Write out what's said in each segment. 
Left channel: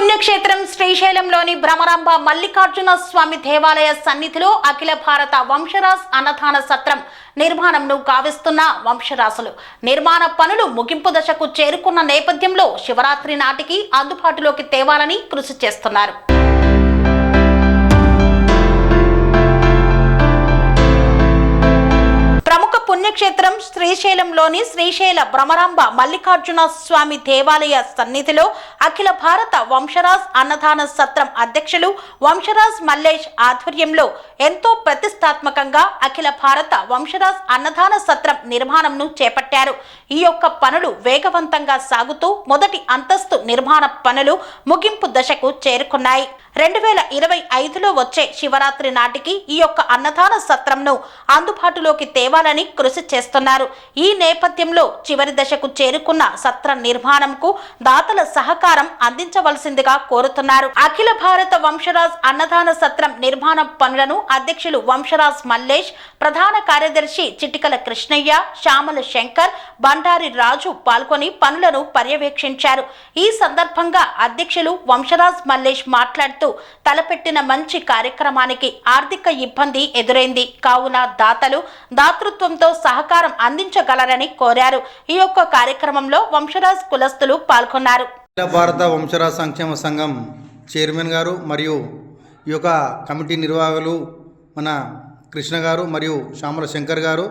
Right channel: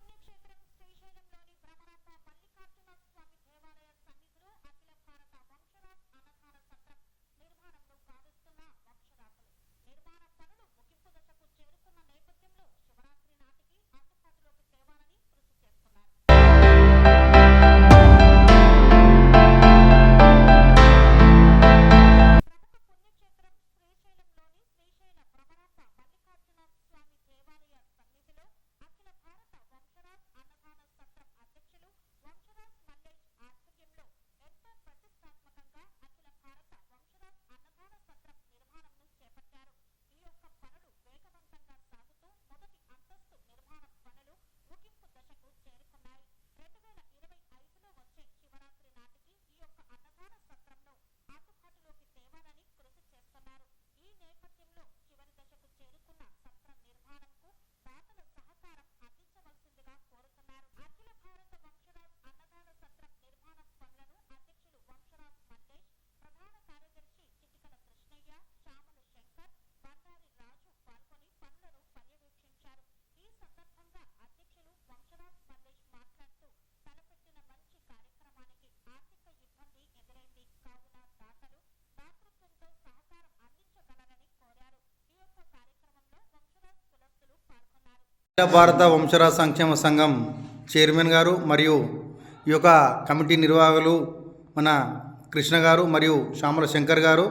పుణ్యక్షేత్రం శ్రీశైలంలోని భ్రమరాంబ మల్లికార్జున స్వామి దేవాలయ సన్నిధిలో అఖిల భారత వంశరాజ్ అన్నదాన సత్రం నిర్మాణంను గావిస్తున్న వంశరాసులు నిర్మాణ పనులు ముగింపు దశకు చేరుకున్న నేపథ్యంలో శివరాత్రి నాటికి అందుబాటులోకి తేవాలని కృషి చేస్తున్నారు. పుణ్యక్షేత్రం శ్రీశైలంలోని శ్రీశైల భ్రమరాంబ మల్లికార్జున స్వామి దేవాలయ సన్నిధిలో అఖిల భారత వంశరాజ్ అన్నదాన సత్రం అధ్యక్షులు వంశరాజ్ మల్లేష్ ఆధ్వర్యంలో ఎంతో ప్రతిష్టాత్మకంగా అఖిల భారత వంశరాజ్ అన్నదాన సత్రం నిర్మాణంను చేపట్టారు. ఈ యొక్క పనులు వేగవంతంగా సాగుతూ మొదటి అంతస్తు నిర్మాణ పనులు ముగింపు దశకు చేరుకున్నాయి. 2025లో వచ్చే శివరాత్రి నాటికి ఈ యొక్క అన్నదాన సత్రంను అందుబాటులోకి తేవాలని కృషి చేస్తున్నారు. ఈ నేపథ్యంలో చివరి దశకు చేరుకున్న సత్ర నిర్మాణంకు దాతల సహకారం అందించవలసిందిగా కోరుతున్నారు. అఖిల భారత వంశరాజ్ అన్నదాన సత్రం నిర్మాణ పనులను అధ్యక్షులు వంశరాజ్ మల్లేష్, ప్రధాన కార్యదర్శి చిటికల కృష్ణయ్య, శ్యామల శంకర్, బండారి రాజు పాల్గొని పనులను పర్యవేక్షించారు. ఈ సందర్భంగా అధ్యక్షులు వంశరాజ్ మల్లేష్ మాట్లాడుతూ తలపెట్టిన మంచి కార్యక్రమానికి ఆర్థిక ఇబ్బంది ఎదురైంది కావున దాతలు దాతృత్వంతో సహకారం అందించగలరని కోరారు. ఈ యొక్క కార్యక్రమంలో వంశరాజ్ కులస్తులు పాల్గొన్నారు. భారత వంశరాజ్ సంక్షేమ సంఘం చైర్మన్ గారు మరియు ఈ యొక్క కమిటీ నిర్వాహకులు మన కృష్ణ గారు మరియు శ్యామల శంకర్ గారు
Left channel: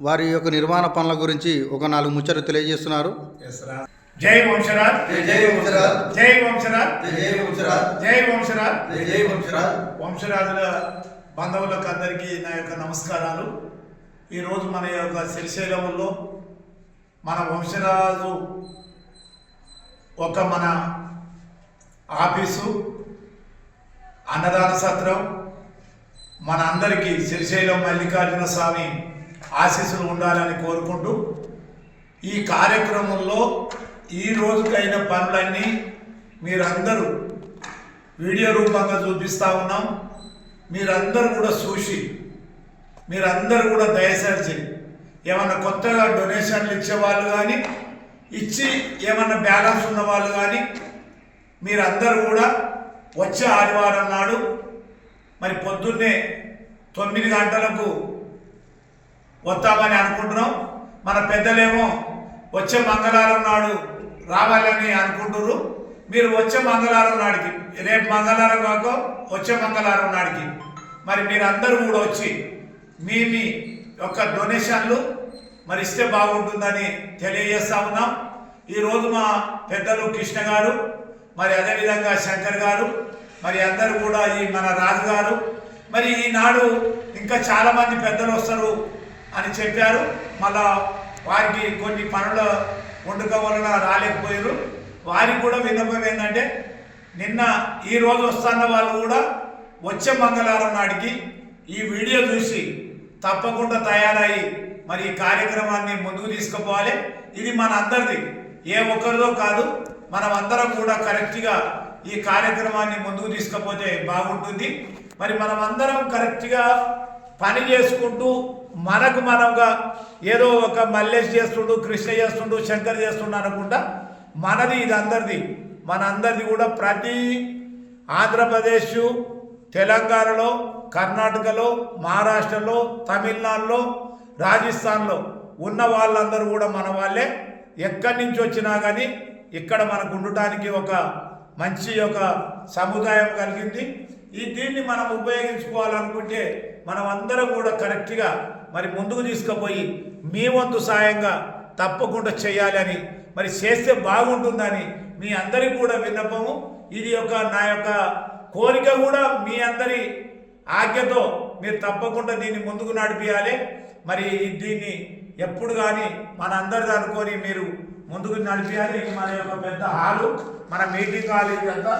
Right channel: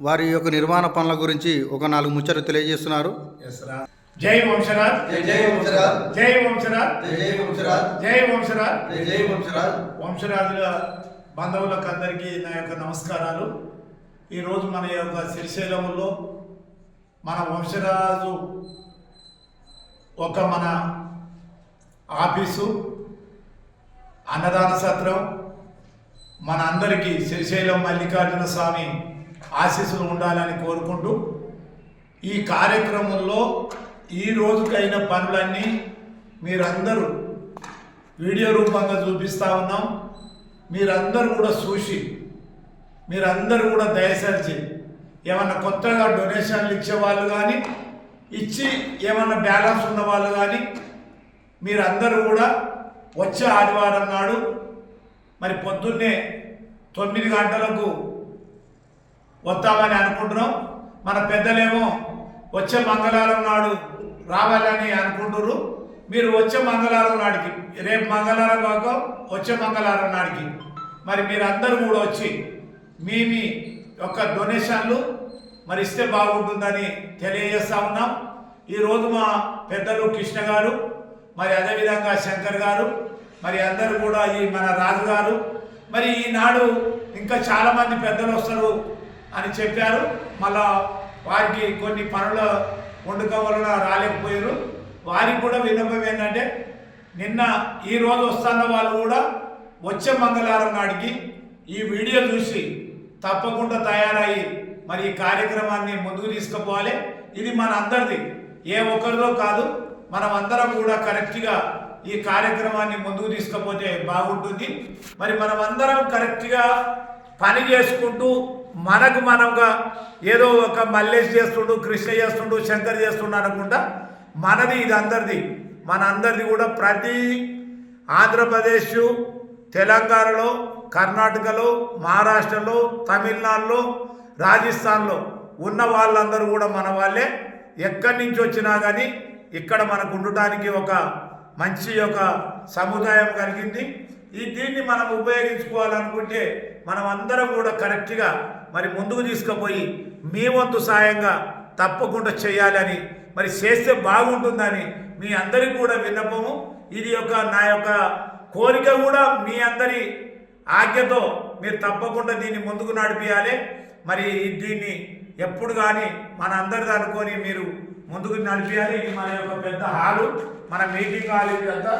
వారి యొక్క నిర్మాణ పనుల గురించి ఒక 4 ముచ్చట్లు తెలియజేస్తున్నారు. జై వంశరాజ్, జై వంశరాజ్, జై వంశరాజ్, జై వంశరాజ్, జై వంశరాజ్, జై వంశరాజ్. వంశరాజుల బంధువులకు అందరికీ నా యొక్క నమస్కారాలు. ఈరోజు మన యొక్క శ్రీశైలంలో మన వంశరాజు మన ఆఫీసు అన్నదాన సత్రం మన అందరికీ శ్రీశైలం మల్లికార్జున స్వామి ఆశీస్సులు ఉండాలని కోరుకుంటూ ఈ కార్యక్రమంలో ఈ రోజుకైన పనులన్నీ మీరందరూ వీడియో రూపంగా చూపిస్తూ ఉన్నాం. మీరందరూ కూడా చూసి మీరందరూ కూడా దయచేసి ఏమన్నా కొత్తగా డొనేషన్లు ఇచ్చేవాళ్ళు కానీ ఇచ్చి ఏమన్నా బ్యాలెన్స్ ఉన్న వాళ్ళు కానీ మీరందరూ కూడా వచ్చే ఆదివారం నాడు మరి పొద్దున్నే 9 గంటలకు వస్తామని అనుకుంటున్నాం. మన పెద్దలేమో వచ్చే మంగళవారం నాడు రావాలని అనుకుంటున్నారు. మీరు వచ్చే మంగళవారం నాడికి, రేపు మంగళవారం కాక వచ్చే మంగళవారం నాడికి మరి మీరందరూ కూడా వచ్చి మీ యొక్క డొనేషన్లు మరి ఇస్తే బాగుంటుందని తెలియజేస్తూ ఉన్నాం. ఈరోజు మా పెద్దలు కృష్ణ గారు మరి అదేవిధంగా శంకర్ గారు మరి అందరూ కూడా ఈ మన రాజు గారు మరి ఈనాడు ఇంకా చాలామంది పెద్దలు వస్తారు అని చెప్పారు. మళ్ళా వారికి కొన్ని పనుల వండుక వలన రాలేకపోయారు. వారికి కూడా విన్నపం ఏంటంటే ఈరోజు వస్తున్న వాళ్ళు కూడా వచ్చే మంగళవారం నాటికి ఈ వీడియో చూసి తప్పకుండా తయారయ్యి మరి ఈ కార్యక్రమాన్ని ముందుకు తీసుకుపోవాలి. ఇది మన అందరిది, ఏ ఒక్కరిదో కాదు. మనం అందరం కూడా కరెక్ట్గా ఈ కార్యక్రమాన్ని ముందుకు తీసుకుపోతే బాగుంటుంది. మరి మనం అందరం కరెక్ట్గా పని చేసుకుంటూ మనముగా ఏదో ఒక మల్లేష్ చేస్తుండు, కృష్ణ చేస్తుండు, శంకర్ చేస్తుండు అనుకుంటా మనది ఇది అందరిది. మన అందరిది కూడా ప్రతి ఆంధ్రప్రదేశ్, తెలంగాణలో, కర్ణాటకలో, మహారాష్ట్రలో, తమిళనాడులో, రాజస్థాన్లో ఉన్న వాళ్ళందరూ కూడా మన వాళ్ళే. ఎక్కడి నుంచి వచ్చినా కానీ ఇక్కడ మనకు ఉండటానికి ఒక మంచి ఒక సముదాయం కలిగింది. దీన్ని మనం ఉపయోగించుకోవాలనుకుంటే మనం అందరం కూడా కరెక్ట్గా మరి ముందుకు తీసుకుపోయి మీ వంతు సాయంగా తప్పకుండా చేయాలని మరి చేస్తే బాగుంటుందని మీ అందరికి కూడా విన్నపము. ఇది నా యొక్క కోరిక కూడా. మీ అందరి ఆజ్ఞతో మీరు తప్పకుండా దీన్ని ముందుకు నడిపించాలి. మరి దీన్ని ఎప్పుడు కానీ మన అందరిది అనుకొని మీరు ముందుకు నడిపించాలి. ఇది మన యొక్క పెద్ద హాలు, మన మీటింగ్ హాల్. ఇది అంతా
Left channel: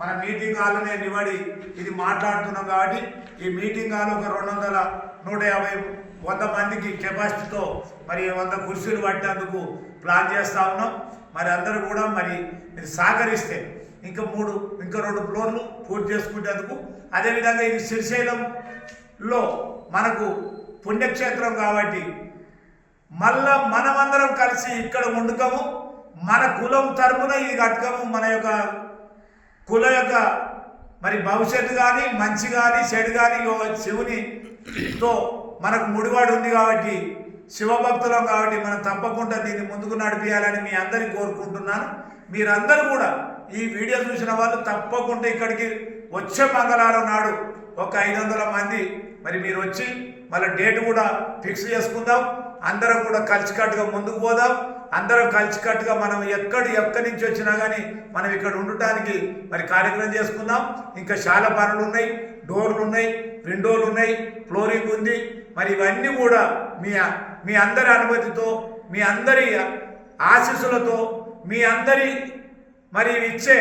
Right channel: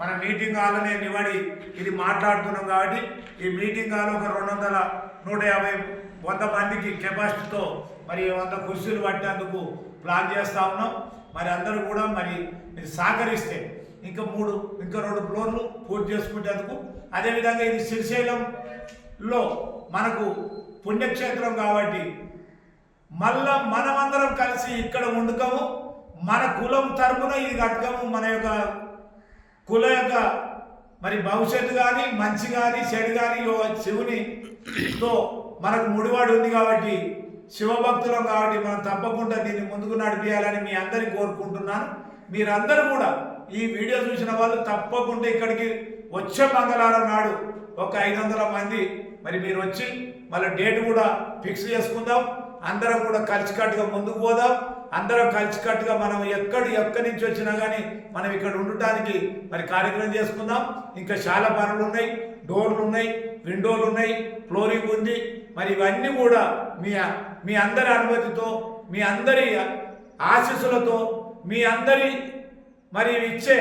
మన మీటింగ్ హాల్నే నిలబడి ఇది మాట్లాడుతున్నాం కాబట్టి ఈ మీటింగ్ హాల్ ఒక 200, 150, 100 మందికి కెపాసిటీతో మరి 100 కుర్చీలు పట్టేందుకు ప్లాన్ చేస్తూ ఉన్నాం. మరి అందరూ కూడా మరి మీరు సహకరిస్తే ఇంకా 2 ఫ్లోర్లు పూర్తి చేసుకునేందుకు. అదేవిధంగా ఇది శ్రీశైలంలో మనకు పుణ్యక్షేత్రం కాబట్టి మళ్ళా మనమందరం కలిసి ఇక్కడ వండుకము, మన కులం తరపున ఇది కట్టుకము, మన యొక్క కుల యొక్క మరి భవిష్యత్తు కానీ మంచి కానీ చెడు కానీ శివునితో మనకు ముడివాడు ఉంది కాబట్టి శివభక్తులం కాబట్టి మనం తప్పకుండా దీన్ని ముందుకు నడిపించాలని మీ అందరికీ కోరుకుంటున్నాను. మీరందరూ కూడా ఈ వీడియో చూసిన వాళ్ళు తప్పకుండా ఇక్కడికి వచ్చే మంగళవారం నాడు ఒక 500 మంది మరి మీరు వచ్చి మళ్ళీ డేట్ కూడా ఫిక్స్ చేసుకుందాం. అందరం కూడా కలిసికట్టుగా ముందుకు పోదాం. అందరం కలిసికట్టుగా మనం ఎక్కడి నుంచి వచ్చినా కానీ మనం ఇక్కడ ఉండటానికి మరి కార్యక్రమం చేసుకుందాం. ఇంకా చాలా పనులు ఉన్నాయి, డోర్లు ఉన్నాయి, విండోలు ఉన్నాయి, ఫ్లోరింగ్ ఉంది. మరి ఇవన్నీ కూడా మీ అందరి అనుమతితో, మీ అందరి ఆశీస్సులతో, మీ అందరి మరి ఇచ్చే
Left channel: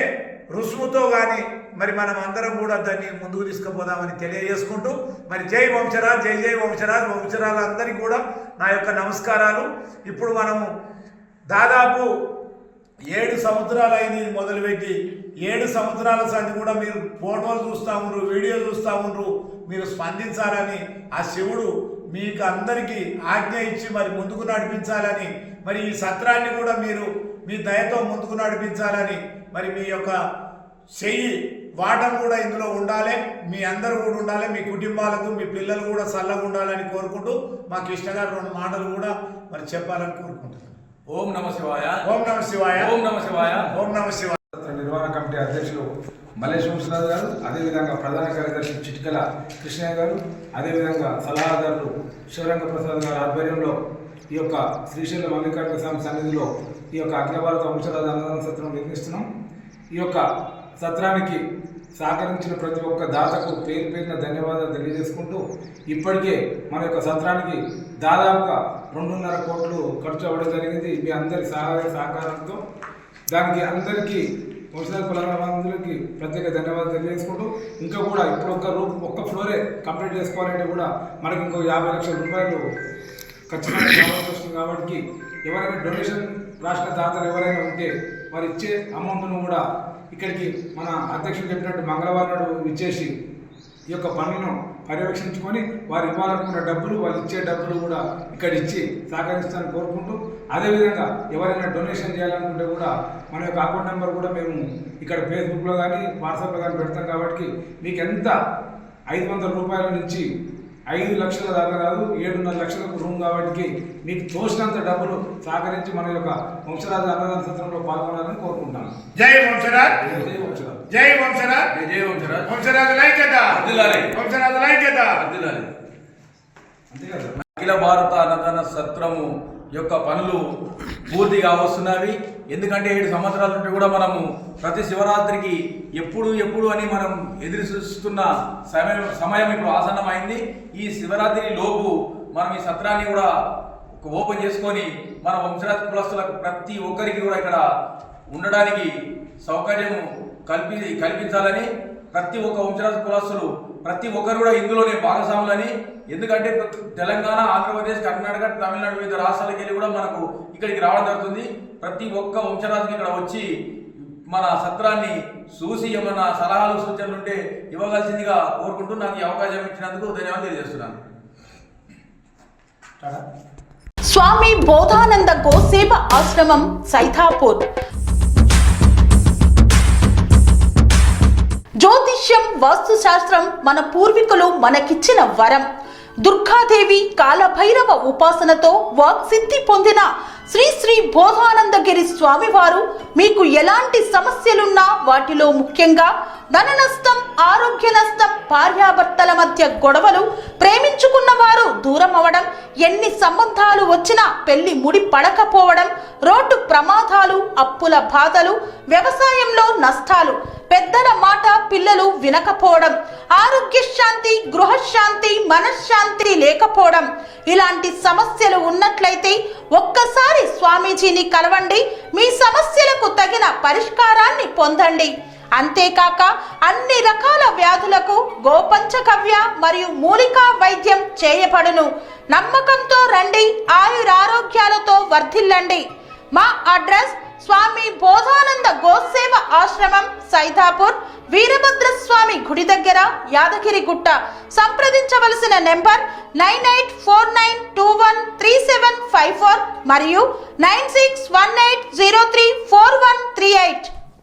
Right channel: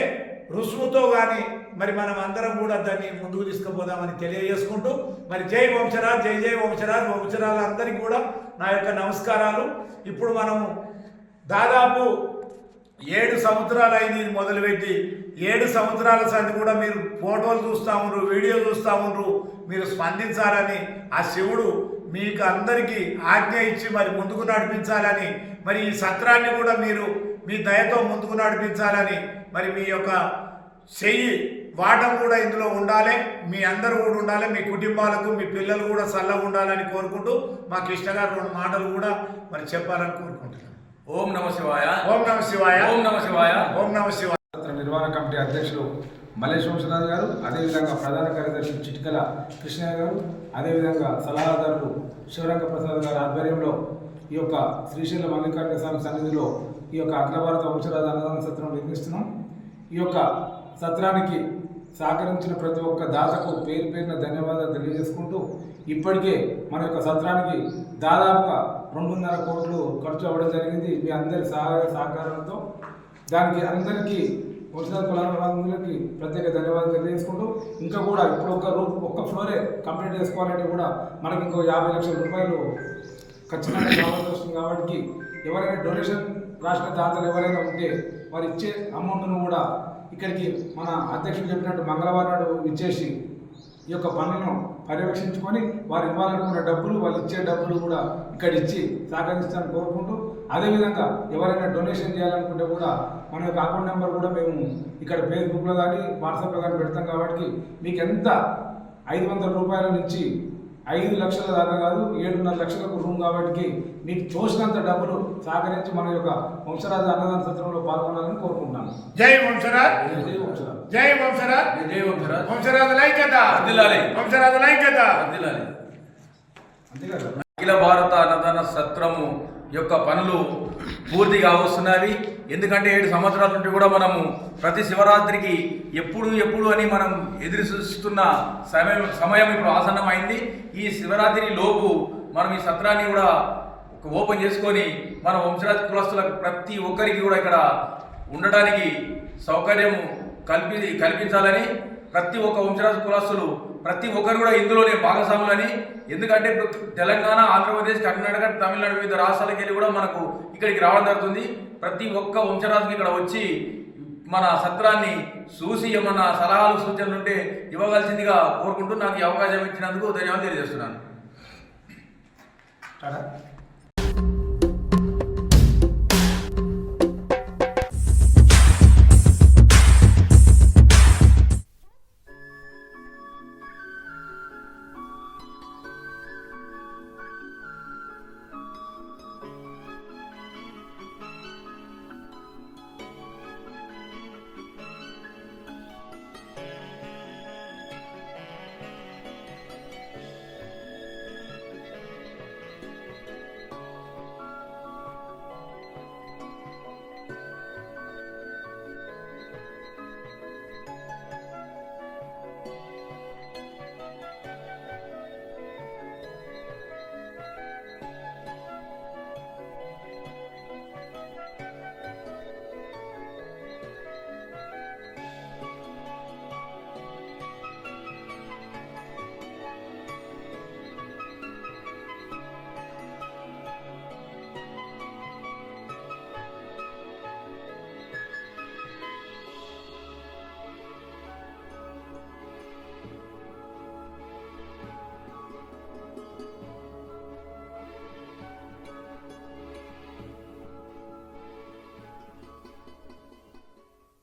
రుసుముతో కానీ మరి మనం అందరం కూడా దాన్ని ముందుకు తీసుకుపోదామని తెలియజేసుకుంటూ మరి జై వంశరాజ్, జై జై వంశరాజ్, వంశరాజులందరికీ కూడా నా యొక్క నమస్కారాలు. ఇప్పుడు మనము దాదాపు 7 సంవత్సరాలు అయింది ఇది మొదలుపెట్టి. 7 సంవత్సరాల సంది కూడా మీరు ఫోటోలు చూస్తూ ఉన్నారు, వీడియో చూస్తూ ఉన్నారు. మీరు స్పందించాలని ఆ శివుడు మీకు అందరికీ ఆజ్ఞ ఇచ్చి మరి ముందుకు నడిపించాలని, మరి ఈ సత్రాన్ని కూడా మీరు మీ దయతో ముందుకు నడిపించాలని, మరి మీ యొక్క చెయ్యి వాటం కూడా ఇందులో ఉండాలి. మీ అందరూ కూడా ఉండాలి. మీ కుటుంబాలకు, మీ పిల్లలు కూడా చల్లగా ఉండాలని కోరుకుంటూ మా కృష్ణ గారు 2 మాటలు కూడా మరి చెప్పాలని కోరుకుంటున్నాను. ఓం నమ శివాయ, ఓం నమ శివాయ, ఓం నమ శివాయ, ఓం నమ శివాయ. నిర్వహణ కమిటీ అధ్యక్షులు మల్లేష్ వంశరాజు గారు, అదేవిధంగా ప్రధాన కార్యదర్శి చిట్కల కృష్ణయ్య గారు, అదేవిధంగా సలహాదారులు శివరంగ ప్రసాద్ గారి ఆధ్వర్యంలో ఈ యొక్క శ్రీశైల మల్లికార్జున స్వామి సన్నిధిలో ఈ యొక్క అఖిల భారత వంశరాజు అన్నదాన సత్రం నిర్మిస్తున్నాం. ఈ యొక్క సత్రానికి సహకరించిన ప్రతి ఒక్క దాతకు పేరున ధన్యవాదాలు తెలియజేసుకుంటూ, ఇప్పటికే మన యొక్క సత్రానికి దాదాపుగా 2.5 కోట్లు ఖర్చు అవ్వడం జరిగింది మీ అందరి సహాయ సహకారంతో. దానికి అందరికీ వంశరాజు కులాలందరికీ ప్రత్యేక ధన్యవాదాలు తెలియజేసుకుంటూ, ఇంకా కూడా ఇప్పుడు ఒక్క ఫ్లోరే కంప్లీట్ చేసుకోవాలంటే కూడా మనకి ఇంకో 50 లక్షల రూపాయలు ఖచ్చితంగా కావాల్సి వస్తుంది. కాబట్టి ఎవరైనా డొనేషన్ రాసిన దాతలు ఎవరైనా ఉంటే వారు ఇచ్చే అమౌంట్ను కూడా ఇక్కడికి మన అధ్యక్షుడు చెప్పినట్టు మంగళవారం నాడు ఇచ్చేసి ఈ యొక్క పనులను పర్యవేక్షించుకొని వారు ఇవ్వాలనుకున్న డబ్బులు, వాళ్ళు ఇచ్చే డబ్బులు కూడా ఇక్కడ ఇచ్చి సహకరిస్తారని కోరుకుంటూ, అదేవిధంగా ఎవరైనా డొనేషన్ చేయాలనుకుంటే కూడా మన యొక్క అకౌంట్ నెంబర్ కూడా మేము ఇక్కడ ఫేస్బుక్లో కానీ వాట్సాప్లో కానీ పెడతాం. కాబట్టి మీకు ఎంత 500 రూపాయల నుంచి 5 లక్షల దాకా కాదు, 7.5 లక్షలకు రూమ్ కాబట్టి మీకు తోచినంత డబ్బులు సహకరించి మన యొక్క వంశరాజు అన్నదాన సత్రంలో పాల్గొనాలని కోరుకుంటున్నాను. జై వంశరాజ్, జై వంశరాజ్, జై వంశరాజ్, జై వంశరాజ్, వంశరాజు లైక్యత, వంశరాజు లైక్యత. అంతేకాదు అఖిల భారత అన్నదాన సత్రము యొక్క పనులు పూర్తిగా వస్తున్నవి. ఎందుకంటే 7 సంవత్సరాల నుండి కూడా మనము ప్రతి శివరాత్రికి ఎప్పుడు అని మనం ఎదురు చూస్తున్న సమయం ఇప్పుడు ఆసన్నమైంది. ఈ శివరాత్రి లోపు మనం ఈ సత్రాన్ని కూడా ఓపెన్ చేసుకొని మన వంశరాజ్ కులస్తులకు ప్రతి ఒక్కరికి కూడా ఇక్కడ ఉండడానికి సౌకర్యం కల్పించాలని, ప్రతి ఒక్క వంశరాజ్ కులస్తులు ప్రతి ఒక్కరు కూడా ఇందులోనే భాగస్వాములని. ఎందుకంటే తెలంగాణ, ఆంధ్రప్రదేశ్, కర్ణాటక, తమిళనాడు వివిధ రాష్ట్రాలకు వెళ్ళి కూడా మనకు ఇక్కడికి రావడం జరుగుతుంది. ప్రతి ఒక్క వంశరాజుకి ఇక్కడ వచ్చి మన సత్రాన్ని చూసి ఏమన్నా సలహాలు సూచనలు ఉంటే ఇవ్వవలసిందిగా కోరుకుంటూ నాకు ఈ అవకాశం ఇచ్చినందుకు ధన్యవాదాలు తెలియజేస్తున్నాను. స్వామి బోధానంద గోసేవ ఆశ్రమం సైథాపూర్. జ్యోతిష్యం, వాస్తుశాస్త్రం మన పూర్వీకులు మనకిచ్చిన వరం. దుర్గాదేవి, కాలభైరవ ఉపాసనతో వాక్సిద్ధి పొందిన శ్రీ బోధానందగిరి స్వామివారు మీకు ఎలాంటి సమస్యలున్నా, వాటిలో ముఖ్యంగా ధన నష్టం, ఆరోగ్య నష్టం, భార్యాభర్తల మధ్య గొడవలు, ప్రేమించుకున్న వారు దూరం అవడం, ఎన్ని సంబంధాలు వచ్చినా పెళ్లి ముడి పడకపోవడం, రోడ్డు ప్రమాదాలు, అప్పుల బాధలు, వ్యవసాయంలో నష్టాలు, పెద్దల మాట పిల్లలు వినకపోవడం, ఆరోగ్య శాంతి, గృహశాంతి, మనశ్శాంతి లేకపోవడం, ఇలాంటి సమస్యలు ఉన్నట్లయితే ఒక్కసారి స్వామీజీని కలవండి. మీ సమస్యలకు తగిన పరిష్కారాన్ని పొందండి. అంతేకాక అన్ని రకాల వ్యాధులకు గోపంచగవ్య మరియు మూలికా వైద్యం చేయబడును. నమ్మకంతో రండి, ఆయురారోగ్యాలతో వర్ధిల్లండి. మా అడ్రస్ స్వామి బోధానంద గోసేవ ఆశ్రమం, సైథాపూర్, వీరభద్రస్వామి గుడి దగ్గర, యాదగిరిగుట్ట. సంప్రదించవలసిన నెంబర్ 9849213754 మరియు 9618034138.